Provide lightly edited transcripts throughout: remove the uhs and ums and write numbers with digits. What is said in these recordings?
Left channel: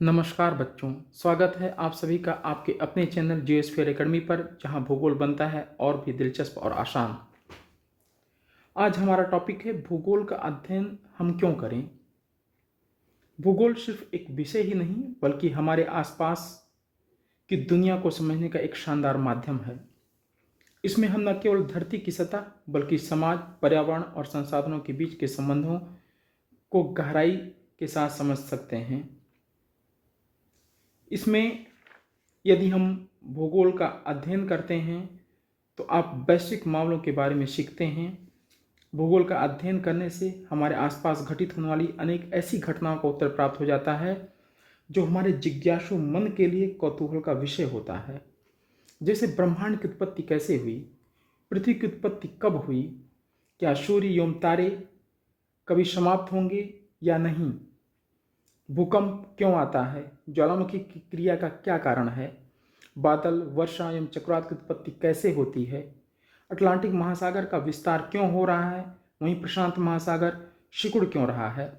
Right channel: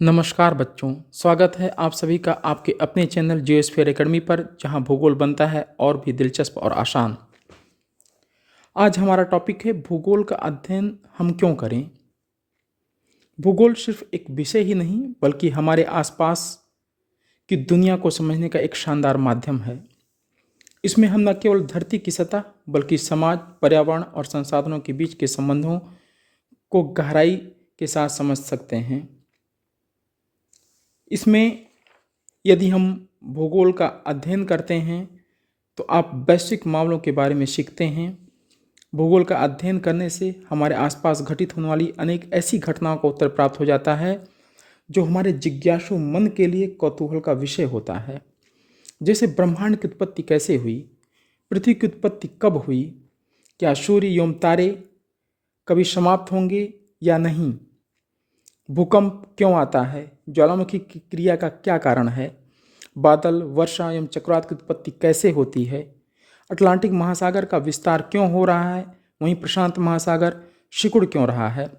नमस्कार बच्चों, स्वागत है आप सभी का आपके अपने चैनल जियोस्फीयर एकेडमी पर, जहां भूगोल बनता है और भी दिलचस्प और आसान। आज हमारा टॉपिक है भूगोल का अध्ययन हम क्यों करें। भूगोल सिर्फ एक विषय ही नहीं बल्कि हमारे आसपास की दुनिया को समझने का एक शानदार माध्यम है। इसमें हम न केवल धरती की सतह बल्कि समाज, पर्यावरण और संसाधनों के बीच के संबंधों को गहराई के साथ समझ सकते हैं। इसमें यदि हम भूगोल का अध्ययन करते हैं तो आप वैश्विक मामलों के बारे में सीखते हैं। भूगोल का अध्ययन करने से हमारे आसपास घटित होने वाली अनेक ऐसी घटनाओं का उत्तर प्राप्त हो जाता है जो हमारे जिज्ञासु मन के लिए कौतूहल का विषय होता है। जैसे ब्रह्मांड की उत्पत्ति कैसे हुई, पृथ्वी की उत्पत्ति कब हुई, क्या सूर्य एवं तारे कभी समाप्त होंगे या नहीं, भूकंप क्यों आता है, ज्वालामुखी की क्रिया का क्या कारण है, बादल, वर्षा एवं चक्रवात की उत्पत्ति कैसे होती है, अटलांटिक महासागर का विस्तार क्यों हो रहा है, वहीं प्रशांत महासागर सिकुड़ क्यों रहा है,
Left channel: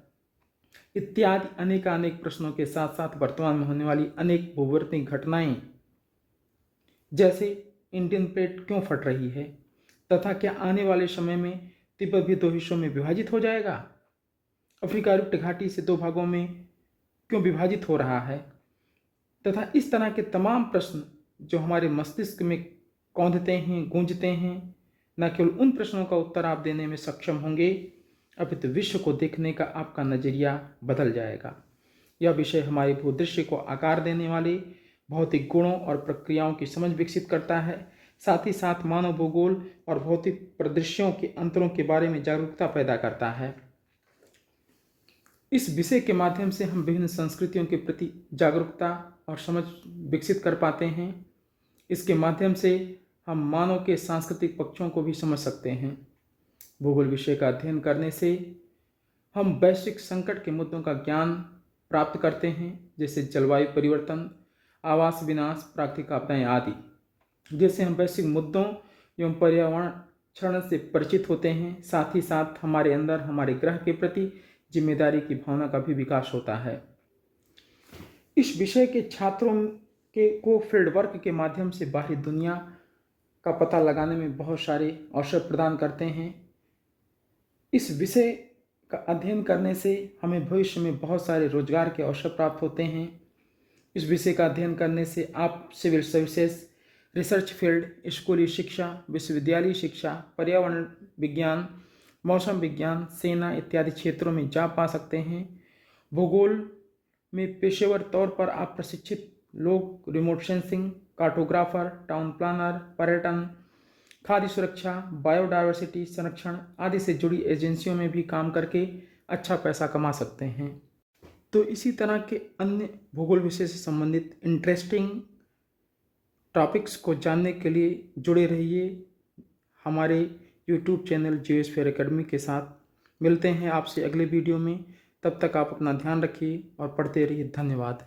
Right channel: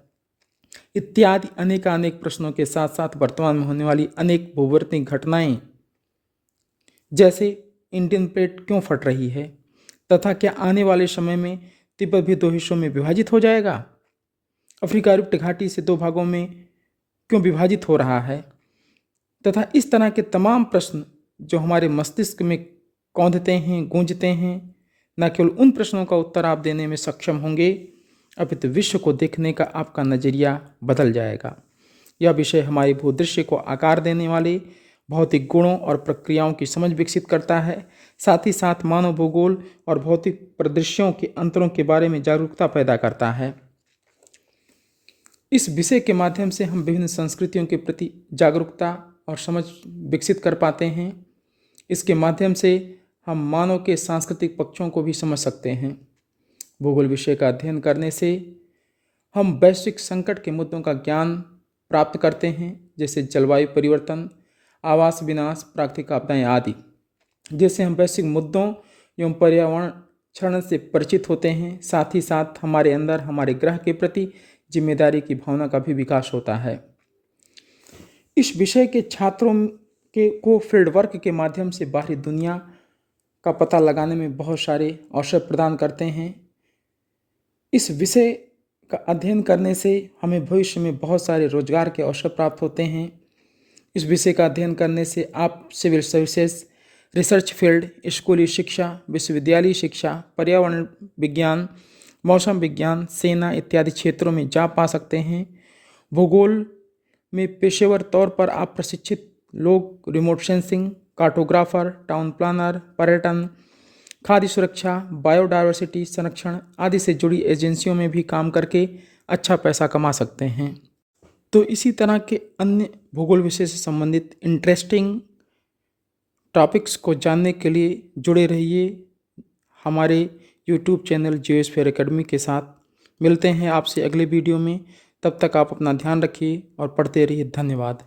इत्यादि अनेकानेक प्रश्नों के साथ साथ वर्तमान में होने वाली अनेक भूवर्तीय घटनाएं, जैसे इंडियन प्लेट क्यों फट रही है, तथा क्या आने वाले समय में तिब्बत भी दो हिस्सों में विभाजित हो जाएगा, अफ्रीका रिफ्ट घाटी से दो भागों में क्यों विभाजित हो रहा है, तथा इस तरह के तमाम प्रश्न जो हमारे मस्तिष्क में कौंधते हैं, गूंजते हैं। न केवल उन प्रश्नों का उत्तर आप देने में सक्षम होंगे, अपितु विश्व को देखने का आपका नज़रिया बदल जाएगा। यह विषय हमारे भूदृश्य को आकार देने वाले भौतिक गुणों और प्रक्रियाओं की समझ विकसित करता है। साथ ही साथ मानव भूगोल और भौतिक परिदृश्यों के अंतरों के बारे में जागरूकता पैदा करता है। इस विषय के माध्यम से हम विभिन्न संस्कृतियों के प्रति जागरूकता और समझ विकसित कर पाते हैं। इसके माध्यम से हम मानव के सांस्कृतिक पक्षों को भी समझ सकते हैं। भूगोल विषय का अध्ययन करने से हम वैश्विक संकट के मुद्दों का ज्ञान प्राप्त करते हैं, जैसे जलवायु परिवर्तन, आवास विनाश, प्राकृतिक आपदाएं आदि। जैसे हम वैश्विक मुद्दों एवं पर्यावरण क्षरण से परिचित होते हैं, साथ ही साथ हमारे अंदर हमारे ग्रह के प्रति जिम्मेदारी की भावना का भी विकास होता है। इस विषय के छात्रों को फील्ड वर्क के माध्यम से बाहरी दुनिया का पता लगाने में बहुत सारे अवसर प्रदान करते हैं। इस विषय का अध्ययन करने से हमें भविष्य में बहुत सारे रोजगार के अवसर प्राप्त होते हैं। इस विषय का अध्ययन करने से आप सिविल सर्विसेज, रिसर्च फील्ड, स्कूली शिक्षा, विश्वविद्यालय शिक्षा, पर्यावरण विज्ञान, मौसम विज्ञान, सेना इत्यादि क्षेत्रों में जा पा सकते हैं। भूगोल में पेशेवर तौर पर आप प्रशिक्षित लोग remote sensing, cartographer, town planner, पर्यटन, खाद्य सुरक्षा, बायोडायवर्सिटी संरक्षण आदि से जुड़ी एजेंसियों में भी काम करके अच्छा पैसा कमा सकते हैं। तो इसी तरह के अन्य भूगोल विषय से संबंधित इंटरेस्टिंग टॉपिक्स को जानने के लिए जुड़े रहिए हमारे यूट्यूब चैनल जियोस्फीयर एकेडमी के साथ। मिलते हैं आपसे अगले वीडियो में। तब तक आप अपना ध्यान रखिए और पढ़ते रहिए। धन्यवाद।